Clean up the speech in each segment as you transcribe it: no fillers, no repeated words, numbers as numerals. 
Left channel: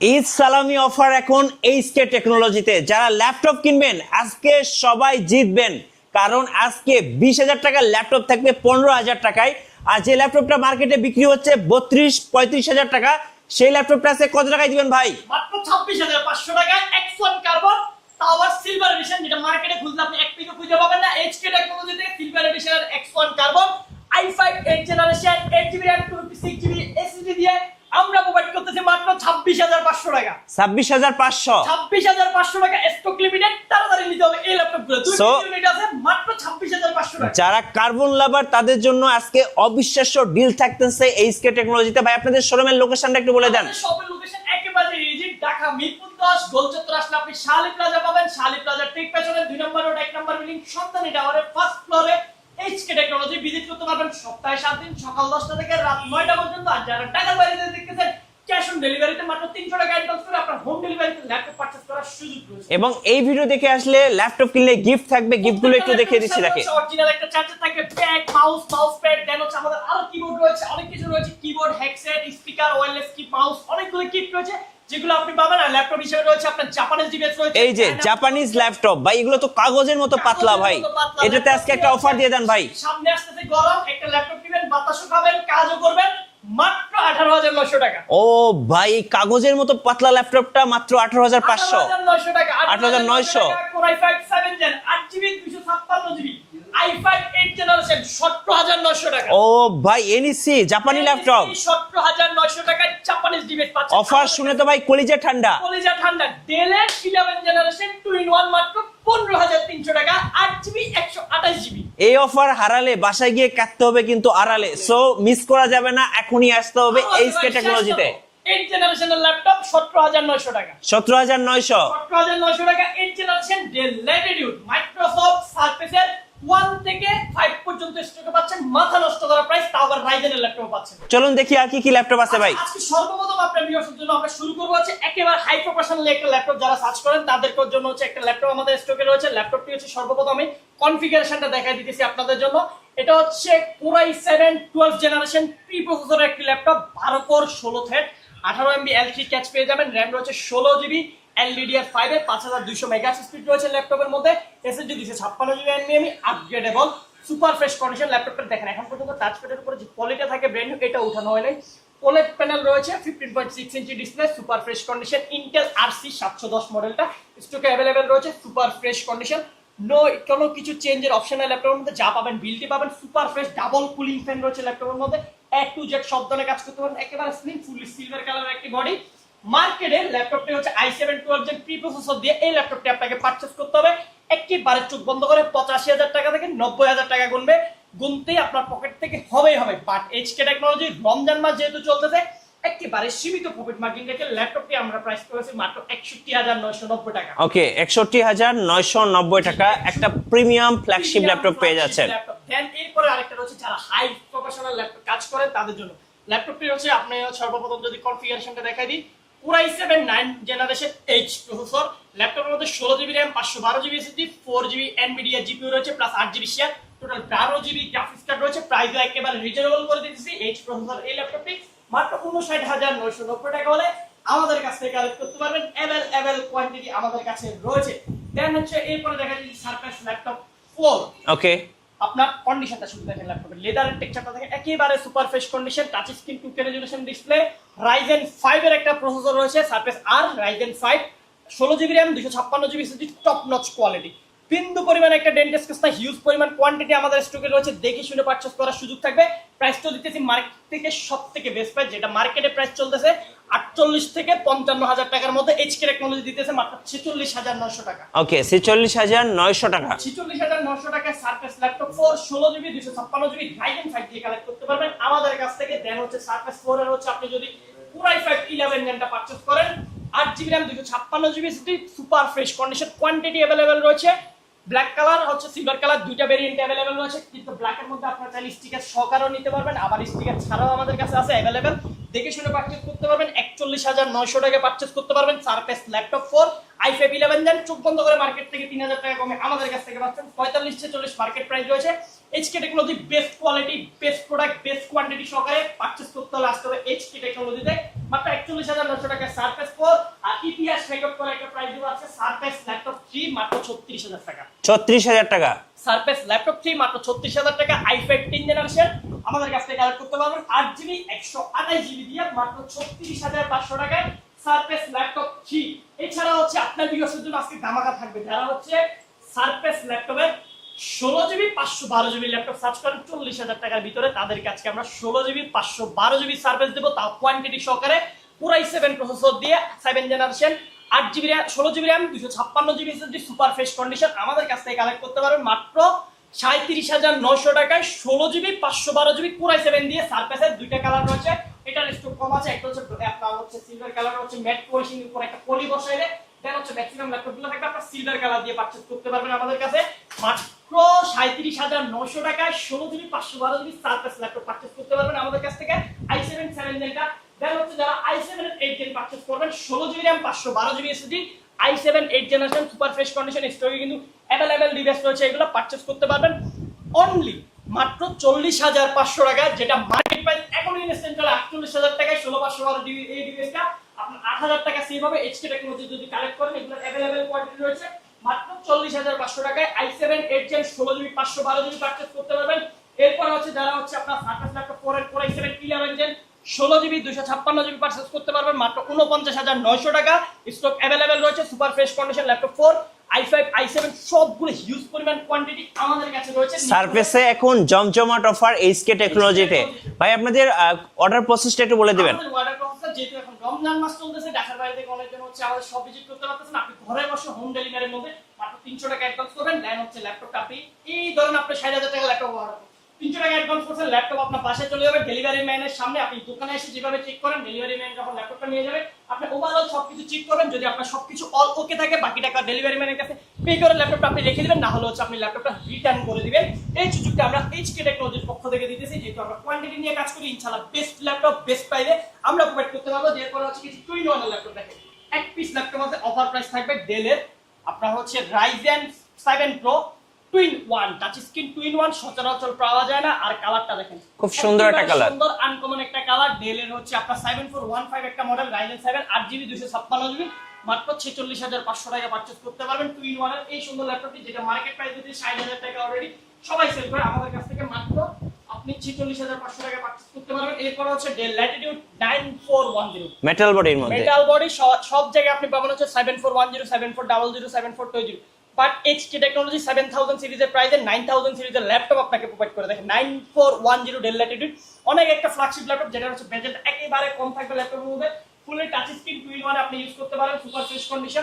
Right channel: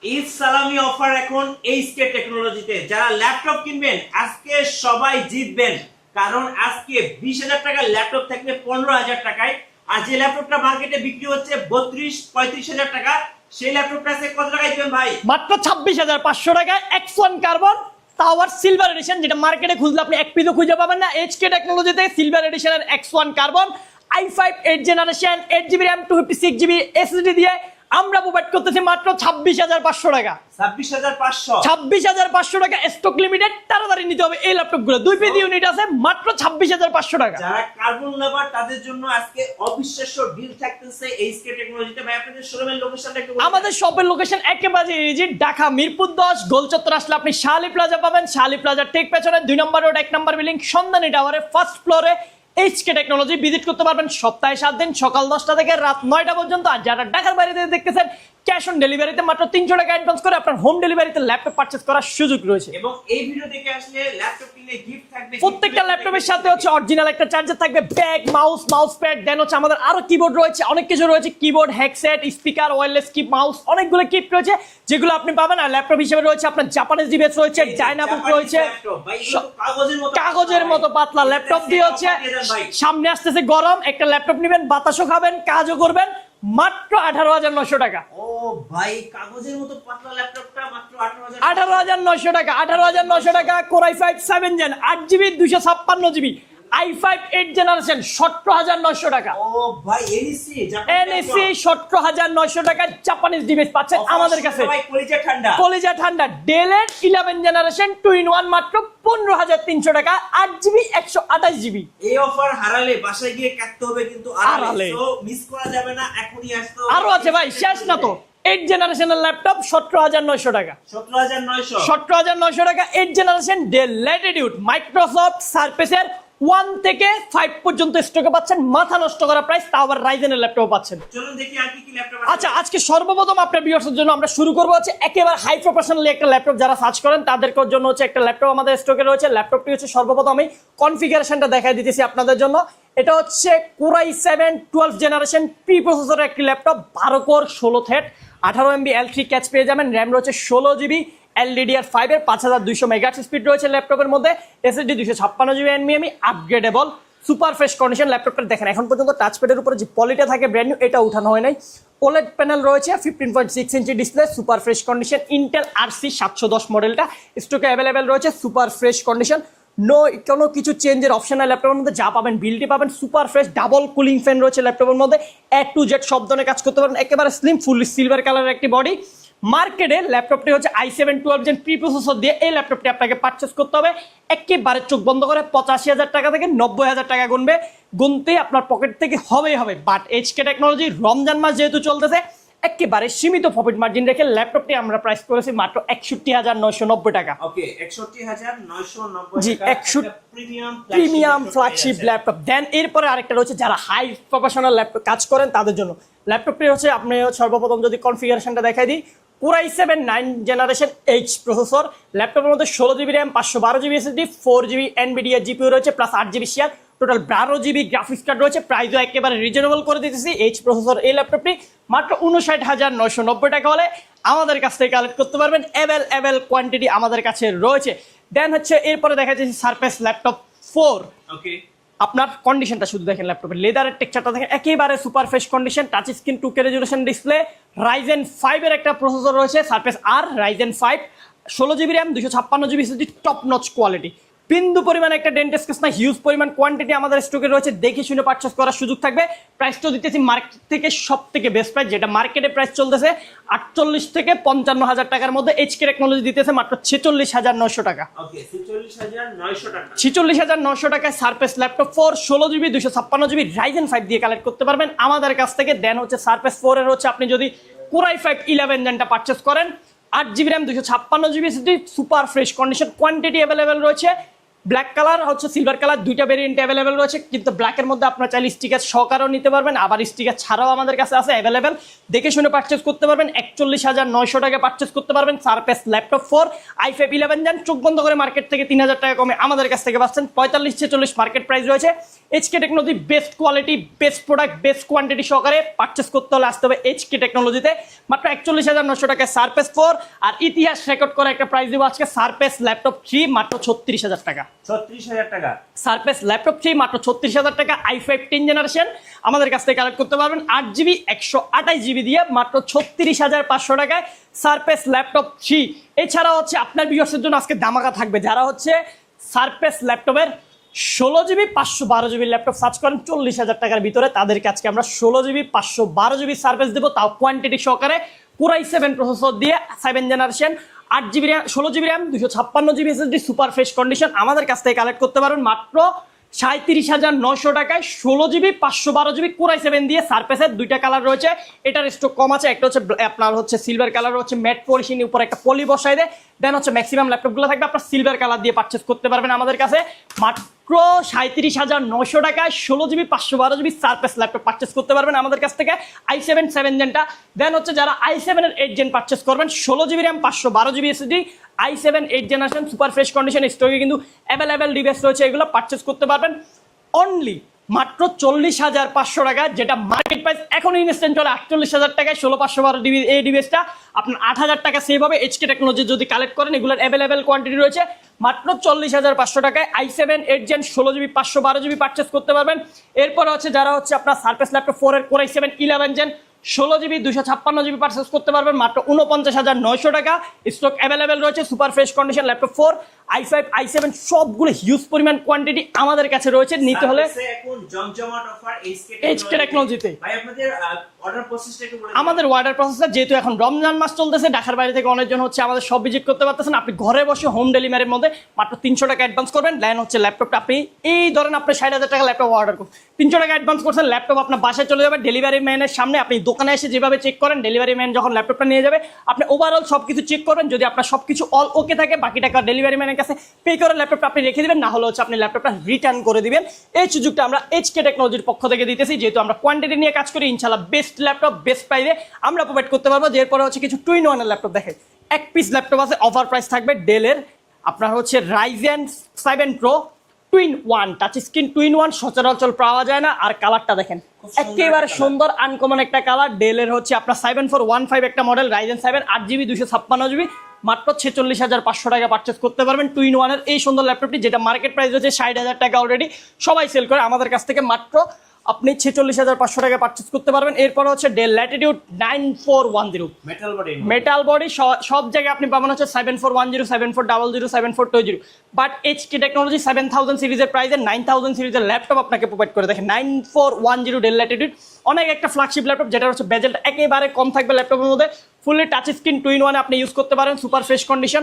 ঈদ সালামি অফার এখন এইচকে টেকনোলজিতে। যারা ল্যাপটপ কিনবেন আজকে সবাই জিতবেন, কারণ আজকে 20,000 টাকার ল্যাপটপ থাকবে 15,000 টাকায়। আর যে ল্যাপটপটা মার্কেটে বিক্রি হচ্ছে 32-35,000 টাকা, সেই ল্যাপটপটা আজকে কত টাকায় দিবেন ভাই? মাত্র 26,500 টাকায় X1 কার্বন, তাও আবার সিলভার এডিশন, যেটা মার্কেটে খুঁজলে আপনি এক পিসও খুঁজে পাবেন না। এইচকে টেকনোলজিতে সিলভার এডিশনের X1 carbon i5 8 generation 8GB RAM 256GB SSD দিয়ে আমরা প্রোভাইড করতেছি মাত্র 26,500 টাকা। 26,500 26,500 টাকা স্টক লিমিটেড, তাড়াতাড়ি নিতে হবে এই ল্যাপটপগুলো। দুই পিস ইউনিট আছে, মাত্র 26,500 টাকা। যারা কার্বন লাভার তাদের জন্য আজকে অবিশ্বাস্য ডিল থাকতেছে এইচকে টেকনোলজিতে। ভাই আপনাদের শোরুমের লোকেশনটা একটু বলে দেন। আমাদের শপের লোকেশন একেবারে ইজি, ঢাকা মিরপুর 10 গোলচত্বর আসলে আপনি শালি প্লাজা পাবেন। শালি প্লাজার ঠিক পেছনে 2 নম্বর রোড 1 নম্বর বিল্ডিং সন্ধানী টাওয়ারের ফার্স্ট ফ্লোরে এইচকে টেকনোলজি ভিজিট করতে পারবেন সপ্তাহে 7 দিন, সকাল 10টা থেকে রাত 9টা পর্যন্ত। আর যারা ঢাকার বাইরে থেকে দেখতেছেন, ক্যাশ অন ডেলিভারিতে মাত্র 300 টাকা অ্যাডভান্স করে আপনার হোম ডেলিভারিতে ল্যাপটপ পারচেজ করার সুযোগ রয়েছে। এবং এই ভিডিও দেখে আসলে ল্যাপটপ কিনলে গিফট থাকবে, গিফটগুলো একটু দেখে দিচ্ছি। অরিজিনাল একটা চার্জার থাকবে, ব্যাগ, মাউস প্যাড, দেন হচ্ছে আমাদের আরো কিবোর্ড রয়েছে, অনেক কিছু রয়েছে, কিবোর্ড, হেডসেট, স্পিকার, ওয়্যারলেস কি মাউস, অনেকগুলো গিফট রয়েছে যেগুলো আপনি পাবেন। আর ল্যাপটপ হিসেবে রয়েছে আপনার জাপানিজ ডিভাইস রয়েছে, এই যে জাপানিজ ল্যাপটপ ভাই, এগুলো তো কাগজের মতো পাতলা ভাই। এটাতে আজকে একটা অফার দিয়ে দেন ভাই। সামনে আসতেছে গরম, একটা ল্যাপটপ নেবেন, বাতাসও খাবেন, কাজও করবেন, মাত্র 18,900 টাকা। ও ভাই, কাগজের মতো পাতলা ল্যাপটপটা মাত্র 18,500 18,900 টাকা। 18,900 টাকা। Core i5 7 Gen 8GB 256GB i5 8 generation 17,900 টাকা। ও ভাই, এনইসি জাপানি ল্যাপটপ 17,900 টাকায় জাপানিজ ডিভাইস পাচ্ছেন আমাদের কাছে ভাই। কলিজা ঠান্ডা, কলিজা ঠান্ডা। Dell এর 11 জেনারেশন 2-in-1 মাত্র 15,300 টাকা, 8GB 128GB। এই অফার হারালে বাসায় গিয়ে কাটতে হবে কিন্তু আড়ালে। সো মিস করা যাবে না, এখনই আসতে হবে এইচকে টেকনোলজিতে। 8 জেনারেশনের ল্যাপটপ 17,900 টাকা। 17,900 টাকা 8 জেনারেশন Dell Latitude মাইক্রোসফট সারফেসের 1 থেকে 5 পর্যন্ত স্টকে পাচ্ছেন, মাথা নষ্ট করা প্রাইস, তাও আবার রাইজেনের ল্যাপটপ পাচ্ছেন। চলুন দেখি আর কি কি ল্যাপটপ আছে ভাই। আজকে সর্বপ্রথম আপনার ভিউয়ার্সদের জন্য আমরা শুরু করব হচ্ছে একেবারে হাই প্রফেশনালি একটা ল্যাপটপ। যারা সার্চ করেন তাদের জন্য হচ্ছে একটা ল্যাপটপ আমাদের স্টকে রয়েছে। ল্যাপটপটি হচ্ছে সর্বপ্রথম আমি কনফিগারেশনটা দেখাই দিতেছি আপনাদের জন্য। এটা হচ্ছে Core i7 12 জেনারেশন প্রি প্রসেসরের একটি laptop, 12 core 16 thread 18MB L3 catch পেয়ে যাবেন, র্যাম রয়েছে 16GB, LDDR5 এর 5200 মেগাহার্টজ স্পিড রয়েছে ল্যাপটপের মধ্যে, SSD 256GB NVMe upgradeable, super fresh condition. ল্যাপটপটা দেখেন এখন পর্যন্ত টাচপ্যাডের উপরে যে পলিটা থাকে ব্র্যান্ড নিউ, এটা উঠানো হয় নাই। OLED প্যানেল রয়েছে, 15.6 inch display, super fresh condition. Intel RC 710 মডেলটা স্টকে অ্যাভেলেবেল রয়েছে, সুপার ফ্রেশ কন্ডিশন। নো কোনো কিছু চেঞ্জের অপশন নাই ল্যাপটপের মধ্যে, যা পাবেন বিলটি পাবেন। Super fresh double cooling fan রয়েছে ল্যাপটপের মধ্যে, A to Z সব ধরনের কাজ করতে পারবেন। একেবারে স্লিম ফুল সিলভার কালারের একটি বডি। মার্কেটে ল্যাপটপটি হচ্ছে i7 12 Gen প্রি প্রসেসর দিয়ে এই ল্যাপটপটি আপনাকে পারচেজ করতে হবে একেবারে চোখ বন্ধ করে 85,000 টাকা থেকে 90,000 টাকা গুনতে আপনার পকেট থেকে হবে। বাট এইচকে টেকনোলজি রমজান মাস যেহেতু চলতেছে, একেবারে সীমিত প্রফিট মার্জিন রেখে ল্যাপটপটি আমরা প্রাইস করেছি মাত্র 61,990 টাকা। ওকে, 61,990 টাকা একটা প্রিমিয়াম ফ্ল্যাগশিপ ল্যাপটপ পেয়ে যাচ্ছেন। ল্যাপটপ দেন এরপরে আরেকটা রয়েছে যারা হাই প্রফেশনাল ল্যাপটপ কাজ করেন তাদের জন্য। ল্যাপটপটি হচ্ছে আপনি সর্বপ্রথম যদি কনফিগারেশনটা দেখাই দিই, Core i7 9 generation H processor, ল্যাপটপের মধ্যে 16GB RAM 512GB SSD 4GB NVIDIA GPU রয়েছে plus 8GB share, total 12GB graphics card রয়েছে। প্রাইসও একেবারে রিজনেবল করে দিতেছি। H প্রসেসর এই ল্যাপটপটি মাত্র 59,990 টাকা হলে আমাদের কাছ থেকে কালেক্ট করতে পারবেন। অ্যাভেলেবল কোয়ান্টিটি আমাদের কাছে রয়েছে। দেন হচ্ছে এরপরে দেখা যাচ্ছে সারফেস ল্যাপটপ 4। ওকে, আপনার কন্ডিশনটা শুধু দেখেন, ল্যাপটপের লেদারের টেক্সচারটা দেখেন, একেবারে super fresh condition, touch screen 2K resolution display, Ryzen 5 এর একটা প্রসেসর রয়েছে সারফেস আর Ryzen 5 16GB RAM 256GB SSD, top notch quality. বিন্দু পরিমাণ একটা ডেন্ট স্কেচ না, হিউজ পরিমাণ কোয়ান্টিটি আমাদের স্টকে রয়েছে, দেখে শুনে পারচেজ করার সুযোগ থাকবে। প্রাইসটা দিতেছি মার্কেট থেকে সব থেকে বেস্ট প্রাইস, যেটা মার্কেটে প্রাইস চলতেছে 48 থেকে 55,000 টাকার মধ্যে, এইচকে টেকনোলজি দিতেছে মাত্র 46,900 টাকা। ওকে, 46,900 টাকা। 46,900 টাকায় surface laptop 4 16GB 256GB Ryzen 5 দিয়ে কালেক্ট করতে পারবেন আমাদের কাছ থেকে। দেন হচ্ছে সারফেস 4 এর হচ্ছে আপনি যদি Core i5 11 জেনটা পারচেজ করেন, 8GB RAM 256GB SSD, super fresh condition, quantity available রয়েছে। ব্ল্যাক কালার হচ্ছে সিলভার কালার, দুইটা ভেরিয়েন্ট অ্যাভেলেবেল রয়েছে, কিন্তু ব্ল্যাকের মধ্যে আপনারা চাইলে স্টিকার সহকারেও নিতে পারবেন, আবার স্টিকার ছাড়াও আমাদের কাছে আছে অ্যাভেলেবেল। দেখে শুনে পারচেজ করতে পারবেন। 41,900 টাকা পারচেজ করতে পারবেন সারফেস ল্যাপটপ 4 i5 11 জেন। চোখ বন্ধ করে মার্কেট থেকে 3,000 টাকা কমে আমাদের কাছ থেকে পাচ্ছেন 45-46 মার্কেট প্রাইস রয়েছে। HK technology best quality, best product, best quantity সহকারে পারচেস করতে হলে আসতে হবে এইচকে টেকনোলজিতে। মাত্র 41,900 টাকায় সারফেস 4, আর ইতিহাস রেকর্ড করা একটা প্রাইস দিব আজকে সারফেস ল্যাপটপ 3 মাত্র 36,000 টাকা। 36,000 টাকা সারফেস ল্যাপটপ 3 মাত্র 36,000 টাকা। i5 10 জেনারেশন আমাদের কাছ থেকে কালেক্ট করতে পারবেন 8GB 128GB দিয়ে মাত্র 36,500 টাকায় সারফেস ল্যাপটপ 3। এছাড়া হচ্ছে আপনার ভিউয়ার্সের জন্য আজকে ধামাকা থাকবে, যারা হচ্ছে সারফেস ল্যাপটপের 16GB 512GB ল্যাপটপ সার্চ করেন 40,000 টাকার ভিতরে, তাদেরকে আজকে আমরা 16GB 512GB সার্ভিস দেবো, তাও কোয়ান্টিটি সহকারে। Core i7 প্রসেসর দিয়ে 7 generation 8GB RAM 16GB RAM 256GB SSD super fresh condition আমাদের কাছ থেকে কালেক্ট করতে পারবেন মাত্র 37,900 টাকায় 16GB 512GB Core i7 দিয়ে। সারফেসের দুইটা কালার রয়েছে, এটার স্টক কম আছে, একটা হচ্ছে আপনার হচ্ছে সিলভার কালার, হচ্ছে ম্যাট পলিশিং উপর একটা পলি বসাই দেয়, দেন হচ্ছে ম্যাক্সিমাম ল্যাপটপগুলো থাকবে আপনার সিলভার কালার দিয়ে পারচেস করতে পারবেন আমাদের কাছে মাত্র 37,900 টাকায় 16GB 512GB surface laptop purchase করতে পারবেন আমাদের কাছ থেকে i7 7 জেনটা। দেন হচ্ছে যারা i7 এর 8 জেন পারচেস করবেন 16GB RAM 512GB SSD i7 8 generation super fresh condition স্টকে কিন্তু অ্যাভেলেবেল ডিভাইস রয়েছে, এগুলো পারচেস করতে পারবেন অনলি মাত্র 40,500 টাকায়, যেটা মার্কেট প্রাইস এখন ইনস্ট্যান্ট চলে 48,000 টাকায় 16/512GB এই ডিভাইসটা আপনার 8,000 টাকা সেভ হবে এইচকে টেকনোলজি যদি কালেক্ট করেন। এগুলোর অ্যাভেলেবেল কোয়ান্টিটি রয়েছে মাত্র 40,500 টাকায় i7 8 gen 16GB 512GB purchase করতে পারবেন। এরপরে হচ্ছে যারা হচ্ছে আপনার সারফেস ল্যাপটপ 4 এর Core i7 11 gen 16GB 256GB purchase করতে পারবেন মাত্র 49,900 টাকা। স্টক অ্যাভেলেবেল রয়েছে super fresh condition laptop 4 i5 i7 সবগুলো হিউজ পরিমাণ কোয়ান্টিটি আমাদের কাছে রয়েছে। নিতে হলে সারফেসে এখন জমজমাট অফার এইচকে টেকনোলজিতে। ভাই আপনাদের অর্ডার প্রসেসটা একটু বলে দিবেন। আমাদের অর্ডার প্রসেসটা যেহেতু এখন রমজান মাস চলতেছে, ঢাকার বাইরে থেকে অনেকজন হচ্ছে আমাদের সব ভিজিট করতে পারতেছেন, আপনি ঘরে বসে হোম ডেলিভারির মধ্যে মাত্র 300 টাকা অ্যাডভান্স করবেন, দেন হচ্ছে ল্যাপটপটা আপনি এই ধরেন আপনি 60,000 টাকা ল্যাপটপ অর্ডার করুন, 300 টাকা অ্যাডভান্স করছেন, ল্যাপটপ আপনার বাসায় চলে যাবে ডেলিভারি ম্যানের সামনে। আপনি দোকানে এসে যেভাবে চেক করেন ডেলিভারি ম্যান যখন ল্যাপটপটা নিয়ে যাবে আপনি ওভারঅল সবকিছু চেক করবেন, যদি আপনার সবকিছু অল ওকে থাকে বাকি টাকা ডেলিভারি ম্যানের কাছে পে করে ল্যাপটপটা আপনি রেখে দিবেন, না হলে হচ্ছে আপনি ল্যাপটপটা রিটার্ন করে দিবেন। এই সুযোগটা আমরা এইচকে টেকনোলজির পক্ষ থেকে দিতেছি, যেহেতু আমরা কোয়ান্টিটি নিয়ে কাজ করি, ইনশাআল্লাহ বেস্ট ল্যাপটপ বেস্ট প্রাইসে আমরা প্রোভাইড করতে পারবো। এরপরে হচ্ছে কিছু টুইন ওয়ান ল্যাপটপ দেখে এক পিস ল্যাপটপ আছে, অফার প্রাইস থাকবে ডেলের আপনার হচ্ছে Ryzen 7 Pro twin one touch screen two in one সচরাচর পাওয়া যায় না, আর কালারটা দেখেন খুব সুন্দর একটা কালার, সুন্দর আনকমন একটা কালার। ডেলের হচ্ছে আপনার 7415 একটা মডেল Ryzen 7 8GB 256GB মাত্র 46,500 টাকা পারচেস করতে পারবেন টুইন ওয়ানের এই সুন্দর ল্যাপটপটি, যেটা মার্কেট প্রাইস হচ্ছে 60,000 টাকা অলরেডি সবাই সেল করে, আমাদের কাছ থেকে মাত্র আপনি 46,500 টাকা পারচেস করতে পারবেন। এরপর হচ্ছে ডেল ল্যাটিটিউড 9410 মেটাল বডি সব জায়গায় আপনি পাবেন হচ্ছে 7410 7400 7420, বাট এইচকে টেকনোলজি 7000 সিরিজের প্রাইসে 9000 সিরিজের ল্যাপটপ আপনাকে প্রোভাইড করে। দেখেন 9410 ডেল ল্যাটিটিউড অনেক একটা ফ্ল্যাগশিপ ল্যাপটপ, যেটা হচ্ছে বেজেলটা একেবারে কম থাকবে ল্যাপটপের মধ্যে, ফুললি টাচ স্ক্রিন টুইন ওয়ানে আপনি ইউজ করতে পারেন super fresh condition,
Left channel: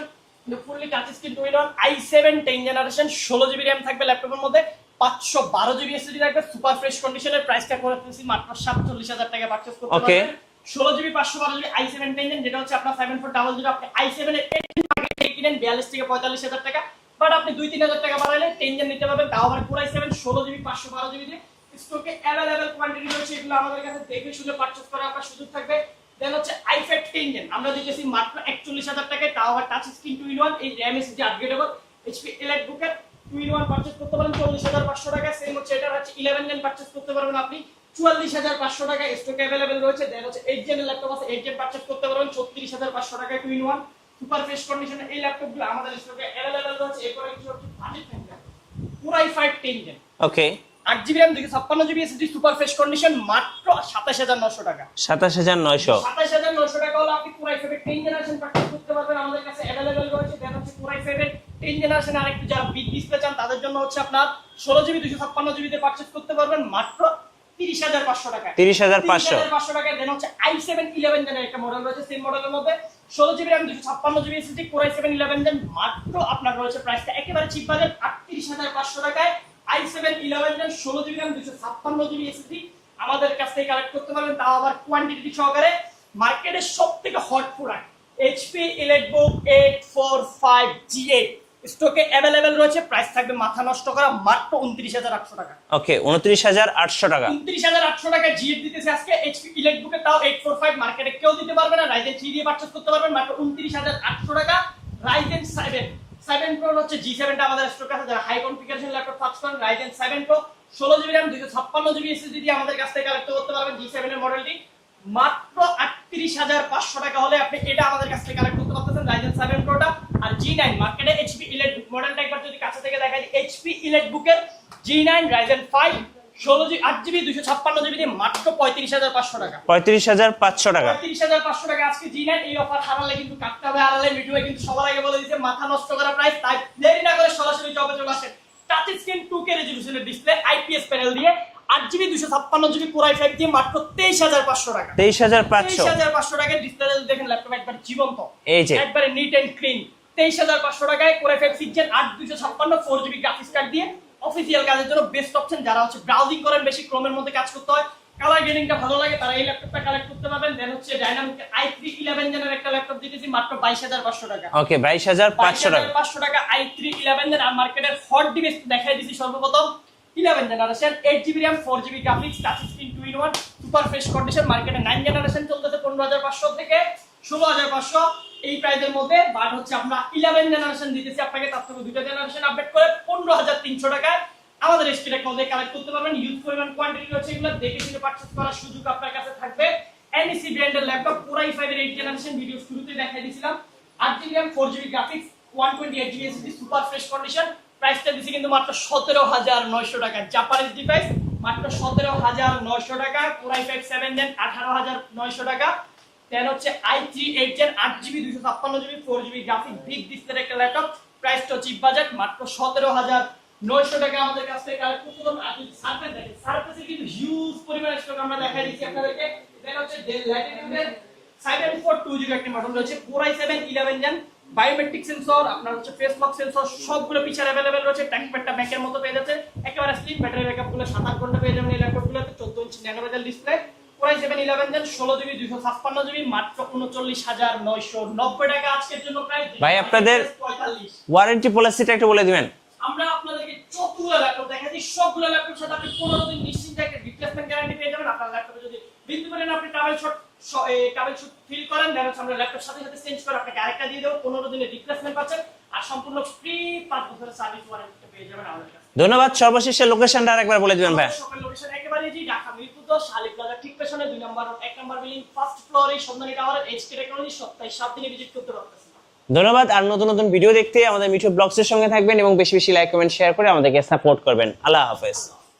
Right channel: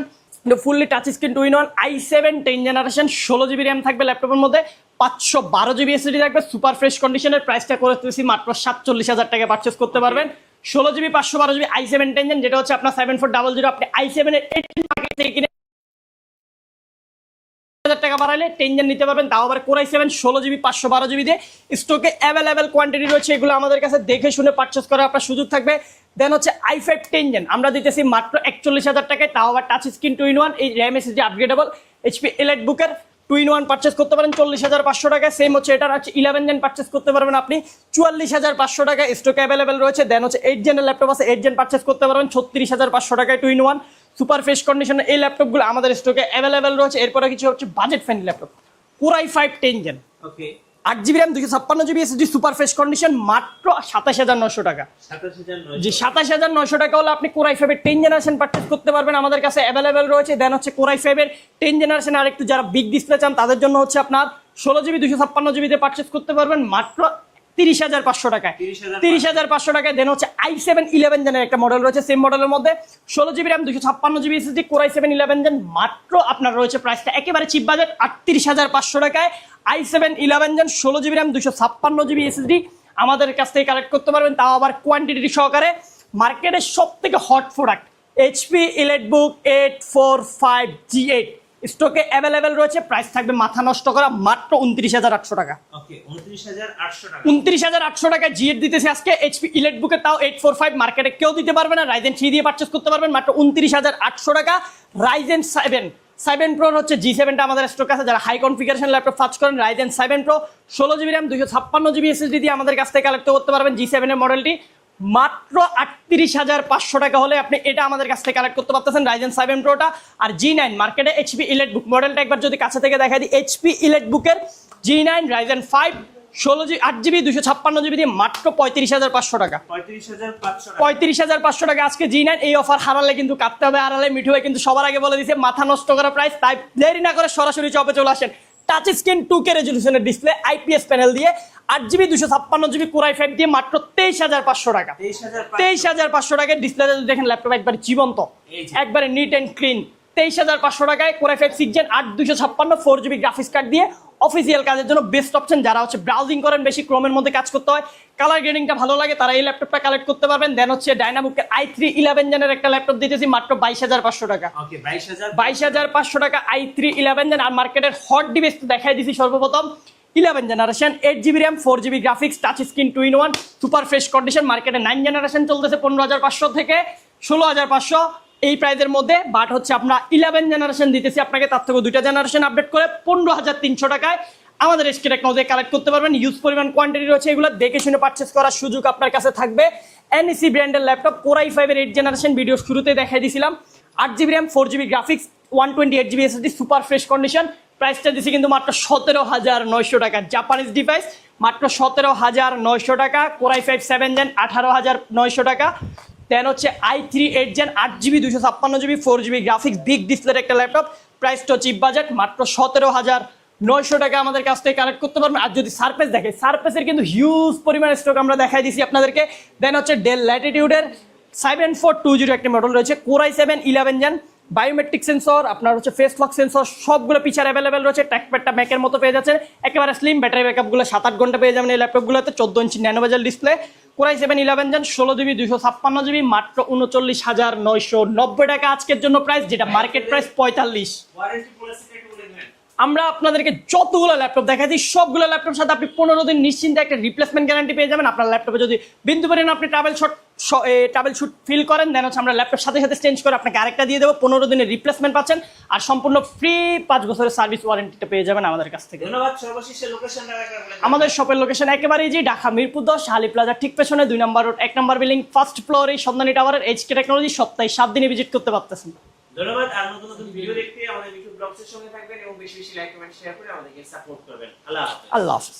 fully touch screen two in one i7 10 generation 16GB RAM থাকবে ল্যাপটপের মধ্যে 512GB SSD থাকবে সুপার ফ্রেশ কন্ডিশনের প্রাইসটা করে দিয়েছি মাত্র 47,000 টাকা পারচেস করতে পারবেন। 16GB 512GB i7 10 জেন যেটা হচ্ছে আপনার 7400 আপনি i7 এর 18 মার্কেট থেকে কিনেন 42 থেকে 45,000 টাকা, বাট আপনি 2-3,000 টাকা বাড়াইলে 10 জেন নিতে পারবেন, তাও আবার Core i7 16GB 512GB দিয়ে। স্টকে অ্যাভেলেবেল কোয়ান্টিটি রয়েছে, এগুলো আমাদের কাছে দেখে শুনে পারচেস করার আপনার সুযোগ থাকবে। দেন হচ্ছে i5 10 জেন আমরা দিতেছি মাত্র 41,000 টাকায়, তাও আবার টাচ স্ক্রিন টুইন ওয়ান এই RAM SSD আপগ্রেডেবল HP EliteBook-এর টুইন ওয়ান পারচেস করতে পারেন 40,500 টাকায়। সেম হচ্ছে এটার হচ্ছে 11 জেন পারচেস করতে পারবেন আপনি 44,500 টাকায়, স্টক অ্যাভেলেবেল রয়েছে। দেন হচ্ছে 8 জেনের ল্যাপটপ আছে 8 জেন পারচেস করতে পারবেন 36,500 টাকায় টুইন ওয়ান সুপার ফ্রেশ কন্ডিশনে এই ল্যাপটপগুলো আমাদের স্টকে অ্যাভেলেবেল রয়েছে। এরপরে কিছু হচ্ছে budget friendly laptop Core i5 10 gen okay 8GB RAM 256GB SSD super fresh condition মাত্র 27,900 টাকা। 27,900 টাকা হলে আপনি Core i5 এর 10 জেনারেশন পারচেজ করতে পারবেন, আমাদের কাছে অ্যাভেলেবেল রয়েছে। দেন হচ্ছে Core i5 এর 10 জেনারেশন আর একটু যারা বিগ ডিসপ্লে চান তাদের জন্য হচ্ছে আপনার 16GB 256GB তে পারচেজ করতে পারবেন মাত্র 30,500 টাকায় 30,500 টাকায়। দেন হচ্ছে i7 11 জেনের একটা মডেল রয়েছে, সেম মডেলের মধ্যে 16GB RAM 256GB SSD Core i7 11 gen মাত্র আপনার রয়েছে প্রাইসটা একেবারে চিপ বাজেট 38,500 টাকায়। i7 11 gen 16GB RAM 256GB SSD আমাদের কাছ থেকে কালেক্ট করতে পারবেন, তাও আবার কোয়ান্টিটি সহকারে। মার্কেটের সব থেকে hot product HP EliteBook 845G8 স্টকে অ্যাভেলেবেল রয়েছে, প্রাইস থাকবে মাথা নষ্ট করা মাত্র 29,800 টাকা। ওকে 29,800 টাকা 29,800 টাকা G8 দিতেছে আজকে HP EliteBook এর, তাও 845 মার্কেটে কেউ দিতে পারবে না। Ryzen 3 দিয়ে পারচেজ করতে পারবেন মাত্র 29,800 টাকা। Ryzen 7 7 Pro হচ্ছে G7 টা আমাদের স্টক আছে, যারা হাই কনফিগারেশন ল্যাপটপ সার্চ করেন Ryzen 7 Pro 16GB RAM 256GB SSD দিয়ে আমাদের কাছ থেকে কালেক্ট করতে পারবেন। G7 এর মডেলটি মাত্র 38,500 টাকা হলে আপনি এটা আমাদের কাছ থেকে কালেক্ট করতে পারতেছেন Ryzen 7 Pro টা। আর G9 মার্কেটে HP EliteBook মডেলটা একবার যদি কাছে থেকে দেখাই দিই, HP EliteBook এর G9 Ryzen 5 8GB 256GB দিয়ে মাত্র 35,500 টাকা। 35,500 টাকা। 35,500 টাকা আজকে G9। এই অফার হারালে কিন্তু কাটতে হবে, আড়ালে মিঠু হয়ে কিন্তু সবার আগে বলে দিয়েছে মাথা নষ্ট করা প্রাইস। তাই দেরি না করে সরাসরি চপে চলে আসেন। টাচ স্ক্রিন 2K রেজোলিউশনের ডিসপ্লে, IPS প্যানেল দিয়ে 8GB 256GB Core i5 দিয়ে মাত্র 23,500 টাকা। 23,500 টাকায় ডিসপ্লে দেখেন, ল্যাপটপ একবার জীবন্ত, এই যে একবারে নিট এন্ড ক্লিন। 23,500 টাকায় Core i5 6 Gen 8 256 4GB graphics card দিয়ে অফিসিয়াল কাজের জন্য বেস্ট অপশন। যারা হচ্ছে ব্রাউজিং করেন, বেশি ক্রোমের মধ্যে কাজ করতে হয়, কালার গ্রেডিংটা ভালো লাগে, তারা এই ল্যাপটপটা কালেক্ট করতে পারবেন। দেন হচ্ছে ডায়নামিক i3 11 জেনের একটা ল্যাপটপ দিতেছি মাত্র 22,500 টাকা। ওকে 22,500 টাকা i3 11 জেন। আর মার্কেটের হট ডিভাইস দেখাই দিছি সর্বপ্রথম 11 generation 8GB RAM 4GB graphics touch screen 2-in-1 super fresh condition. মার্কেটে 9 জেনারেশন চলতেছে 15,500 থেকে 16,500 এই প্রাইসের মধ্যে। বাট হচ্ছে আমরা 11 জেনারেশন দিতেছি আপনাকে, তার থেকে 2টা জেনারেশন আপডেট করে 15,300 টাকায় আমাদের এসকে টেকনোলজি কালেক্ট করতে পারবেন। ইউজ পরিমাণ কোয়ান্টিটি রয়েছে, এগুলো দেখে শুনে পারচেজ করার সুযোগ আপনার কাছে থাকবে। NEC ব্র্যান্ডের ল্যাপটপ Core i5 এর 8 জেনারেশন ভিডিও শুরুতে দেখাই দিয়েছিলাম। 8GB RAM 4GB graphics 128GB SSD super fresh condition. প্রাইসটা দিছি কিন্তু মাত্র 17,900 টাকা। জাপানিজ ডিভাইস মাত্র 17,900 টাকা। Core i5 7 Gen 18,900 টাকা। দেন হচ্ছে i3 8 Gen 8GB 256GB 4GB graphics big ডিসপ্লের একটা ল্যাপটপ, প্রাইসটা চিপ বাজেট মাত্র 17,900 টাকা আমাদের কাছ থেকে কালেক্ট করতে পারবেন। আর যদি সারফেস দেখে, সারফেসের কিন্তু হিউজ পরিমাণ স্টক আমরা দেখাই দিছি আপনাদেরকে। দেন হচ্ছে ডেল ল্যাটিটিউডের 7420 একটা মডেল রয়েছে, Core i7 11 Gen biometric sensor, আপনার হচ্ছে ফেস লক সেন্সর, সবগুলো পিছার অ্যাভেলেবেল রয়েছে। ট্র্যাকপ্যাডটা ব্যাকের মতো পেয়ে যাচ্ছে, একেবারে স্লিম, ব্যাটারি ব্যাকআপগুলো 7-8 ঘন্টা পেয়ে যাবেন এই ল্যাপটপগুলোতে। 14 ইঞ্চি ন্যানো বেজেল display, Core i7 11 Gen 16GB 256GB মাত্র 39,990 টাকা আজকের জন্য প্রাইস, যেটা মার্কেট প্রাইস 45। ওয়ারেন্টি পলিসিটা একটু বলে দিবেন। আমরা আপনাদেরকে যতগুলো ল্যাপটপ দেখাচ্ছি সবগুলো ল্যাপটপের সাথে আপনি 15 দিন নিশ্চিন্তে একটা রিপ্লেসমেন্ট গ্যারান্টি পেয়ে যাবেন। আপনার ল্যাপটপে যদি বিন্দু পরিমাণ আপনি ট্রাভেল শুট ফিল করেন, দেন হচ্ছে আমরা ল্যাপটপ সাথে সাথে চেঞ্জ করে আপনাকে আরেকটা দিয়ে দেবো। 15 দিনের রিপ্লেসমেন্ট পাচ্ছেন আর সম্পূর্ণ ফ্রি 5 বছরের সার্ভিস ওয়ারেন্টিটা পেয়ে যাবেন আমাদের কাছ থেকে। ধন্যবাদ। সর্বশেষে লোকেশনটা আরেকবার বলে দিবেন। আমাদের শপের লোকেশন একেবারেই যে ঢাকা মিরপুর 10 শালি প্লাজা ঠিক পেছনে 2 নম্বর রোড 1 নম্বর বিল্ডিং ফার্স্ট ফ্লোরে সন্ধানী টাওয়ারের HK টেকনোলজি। সপ্তাহে 7 দিনে ভিজিট করতে পারতেছেন। ধন্যবাদ। আর নতুন নতুন ভিডিও দেখতে আমাদের মিঠু ব্লগসের সঙ্গে থাকবেন এবং বেশি বেশি লাইক কমেন্ট শেয়ার করে আমাদেরকে সাপোর্ট করবেন। আল্লাহ হাফেজ। আল্লাহ হাফেজ।